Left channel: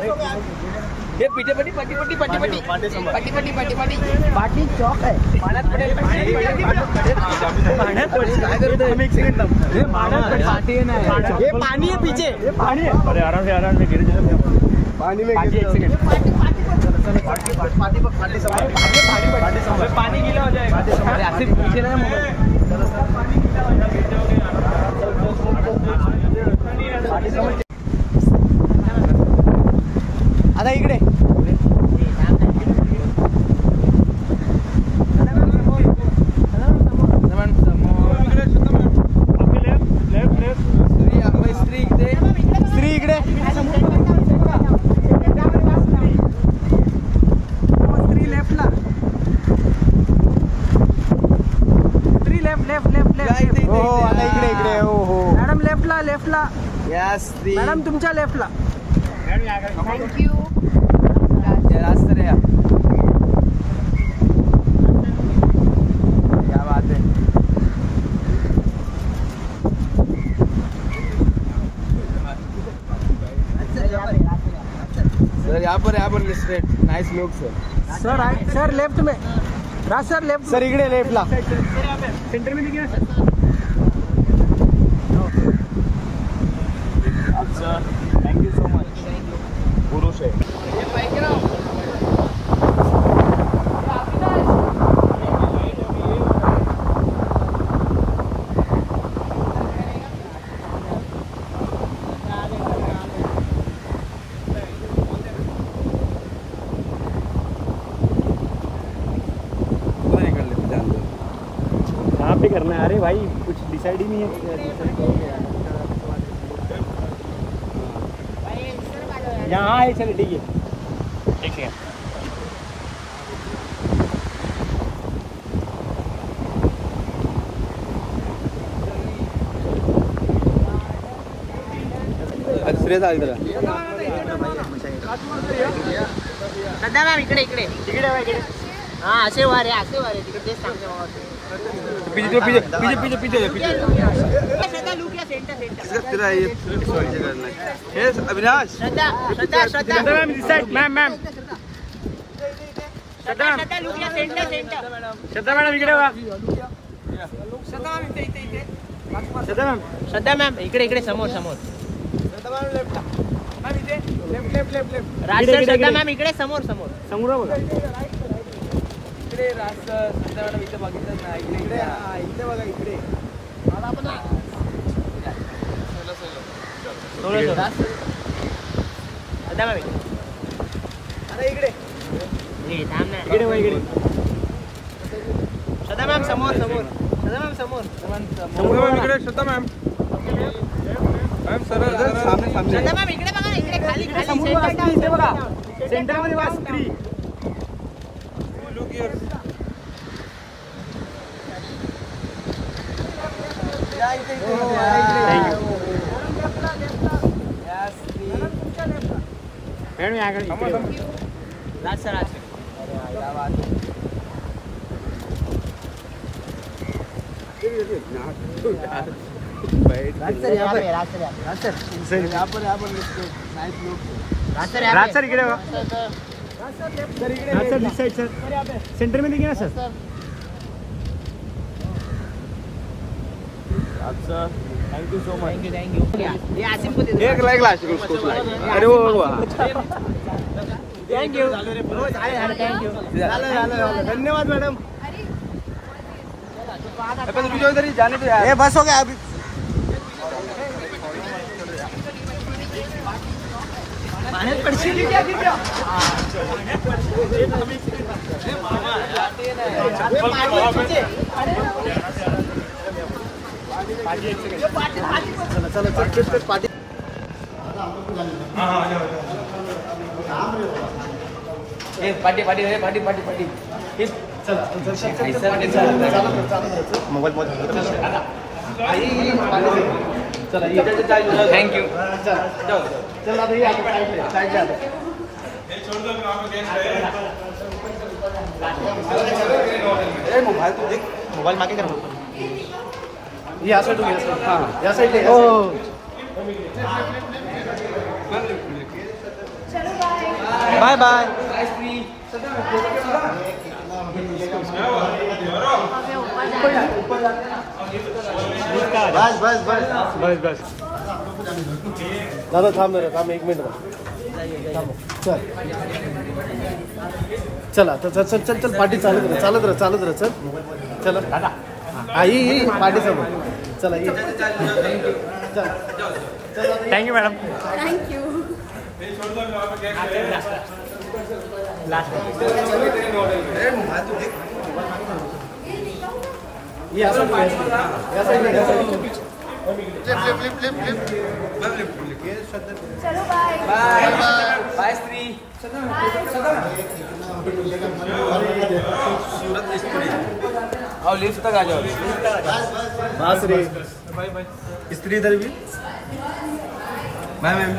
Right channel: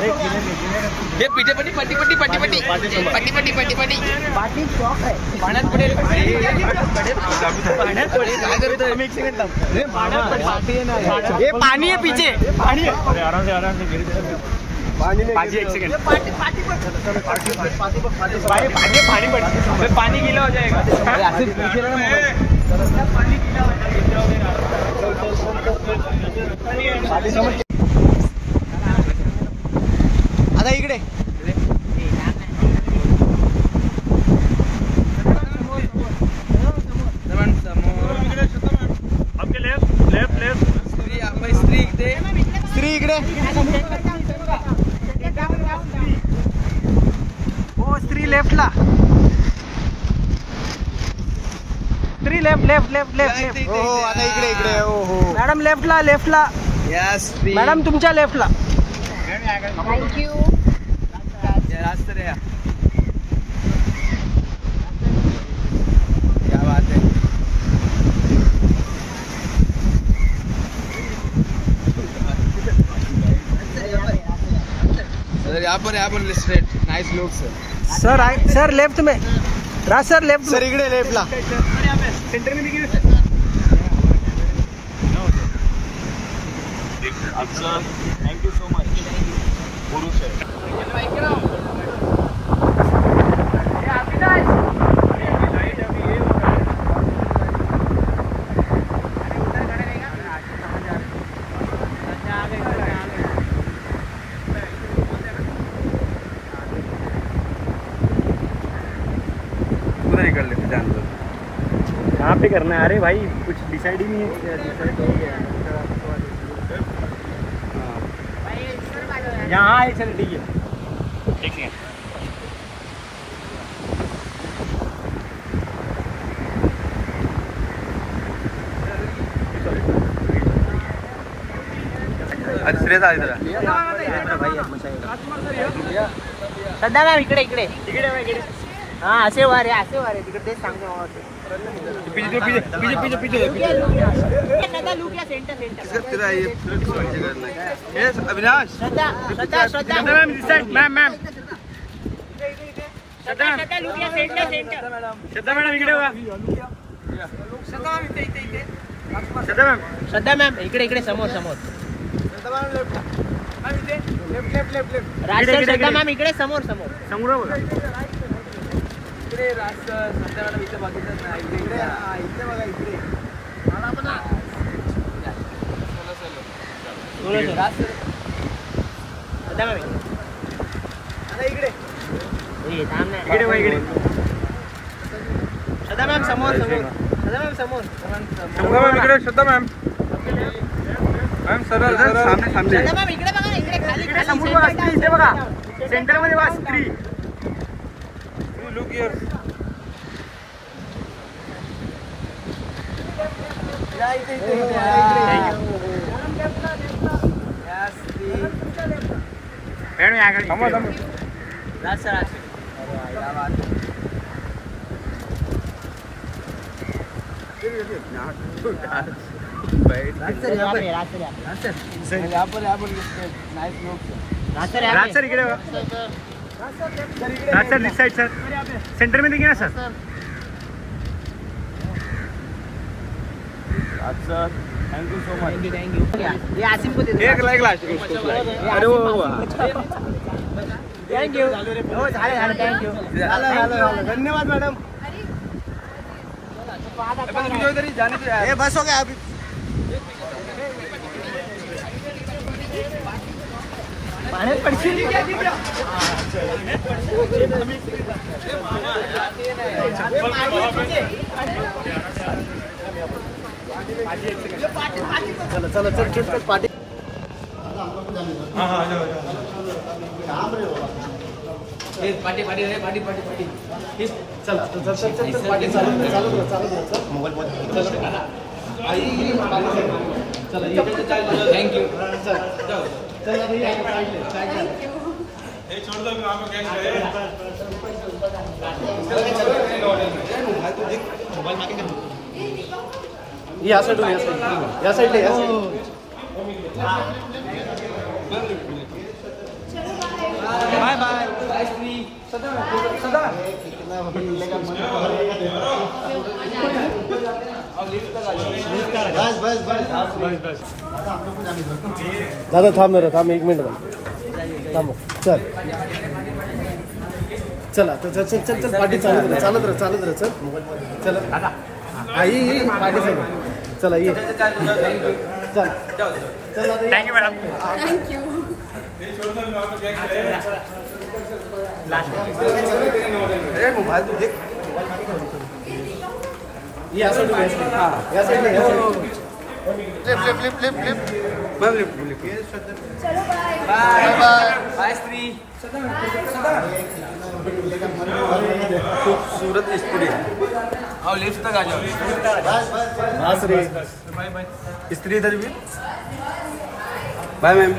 ये पीछे पट्टी पट्टी पट्टी पट्टी पट्टी पट्टी पट्टी पट्टी पट्टी बाकी स्टॉक है पाण्यात पडेल ये पानी है पीछे पानी है अरे आराम से पानी में पानी एक सेकंड पानी गीला हो जाएगा ऐसे पीछे लगा मोबाइल पानी गीला हो जाएगा आता इकडे स्त्री इकडे स्त्री लेफ्टला स्त्री लेफ्ट हो आता इकडे हो मॅडम लेफ्टला यस मॅडम तुमच्या लेफ्टला थँक यू क्या बात है सर यहाँ पर straight nice look sir left में राज सर लेफ्ट सर इकडे लेफ्टला सेंटर में देखिए थैंक यू सो मच पुरुष है कहाँ पे करना है? अरे भाई कुछ डिसाइड ही नहीं है। यहाँ है चल ठीक है सध्या मॅम इकडे हाँ असे वारे तिथे पीछे सदा लुक या सेंटर तेरा ये पीछे करना है अविनाश श्रद्धा मैम श्रद्धा लुक या सेंटर श्रद्धा मॅडम इकडे वा श्रद्धा मॅम इकडे समोर लेफ्ट श्रद्धा मॅम इकडे समोर बघा श्रद्धा मॅम समोर श्रद्धा मॅम सामने मॅम इकडे बघा इकडे खाली बघा सेंटर मध्ये वा स्त्री सेंटर में देखिए ना sir thank you so much thank you ये आसिम को दे दो एक लाइक लास्ट उसको अरे वो थैंक यू थैंक यू धन्यवाद मैडम ये बस हो गया अभी पाण्यात पडशील चला पाटी मोबाईल थँक यू चल आता मोबाईल मागे कर या साइड बाय बाय बाय श्री बस दादा थांब रे थांब 1 मिनिट थांब चल चला तर चल चल चल पार्टी चालत रहा चल चला आई पार्टी समोर चला ये चल थँक्यू मॅडम थँक्यू या साइड चलो बाय बाय बाय बाय श्री आओ लिफ्ट तक आ जाओ बस रे स्त्री इधर भी बाय मैम